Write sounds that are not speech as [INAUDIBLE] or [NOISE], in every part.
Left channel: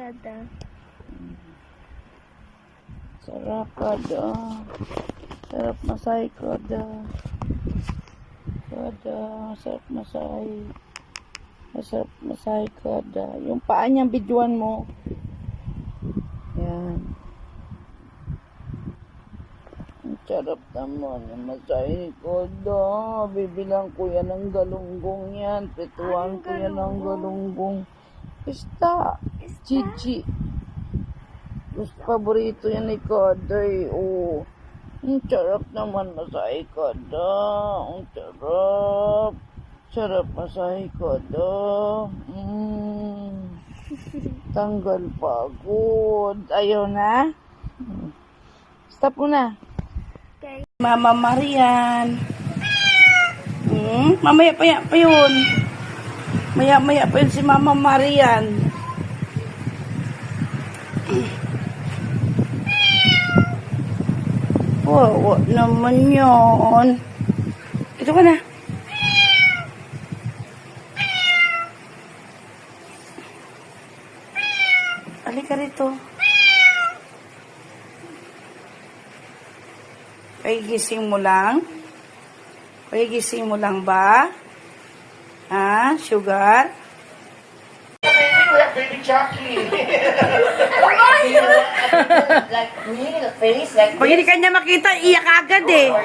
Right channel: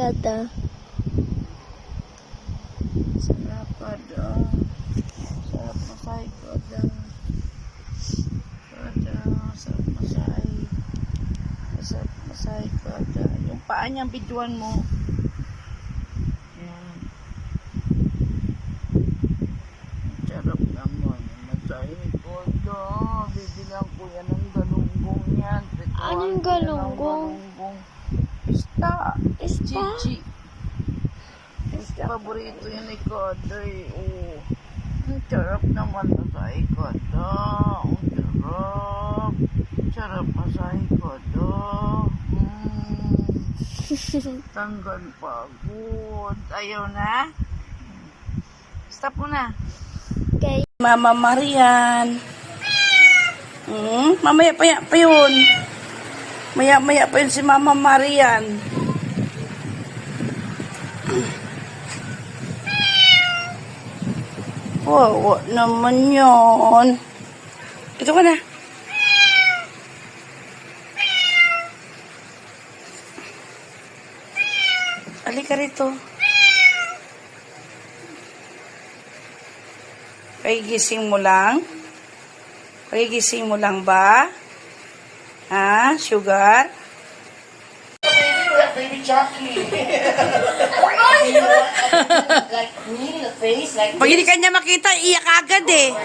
kada. Sarap kada. Sarap masay kada. Kada. Sarap masay. Sarap masay kada. Yung paa niyang bidyuan mo. Yan. Ang sarap naman. Masay kada. Bibilang ko yan ng galunggong yan. Pituan Anong ko yan ng galunggong? Ista. Ista? Chichi. Gusto paborito yan ni Koday. Oh. Ang sarap naman masay Koda. Ang sarap. Sarap masay Koda. Mm. [LAUGHS] Tanggal pagod. Ayaw na? Stop mo na. Okay. Mama Marian. Hmm, mamaya pa, pa yun. Maya maya pa yun si Mama Marian. Wawa naman yun. Ito ka na. Halika rito. Pagigising mo lang? Pagigising mo lang ba? Ha? Sugar? Baby Chucky. like me, the face, like Pag hindi ka niya makita, iyak agad eh. Eh,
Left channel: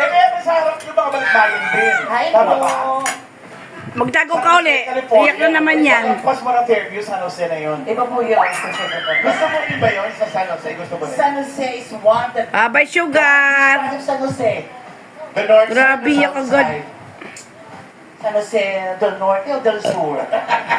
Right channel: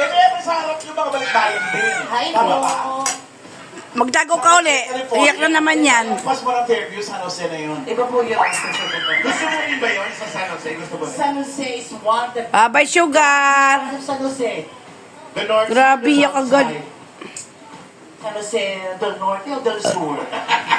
kaya sa harap nyo baka balik din. Tama ba? Magdago ka uli. Iyak na naman yan. Mas marang Fairview, San Jose na yun. Iba po yun. Gusto mo iba yun sa San Jose? Gusto mo rin? San Jose is one that Ah, bye sugar. San Jose. The North Grabe, yak agad. San Jose del Norte o del Sur? [LAUGHS]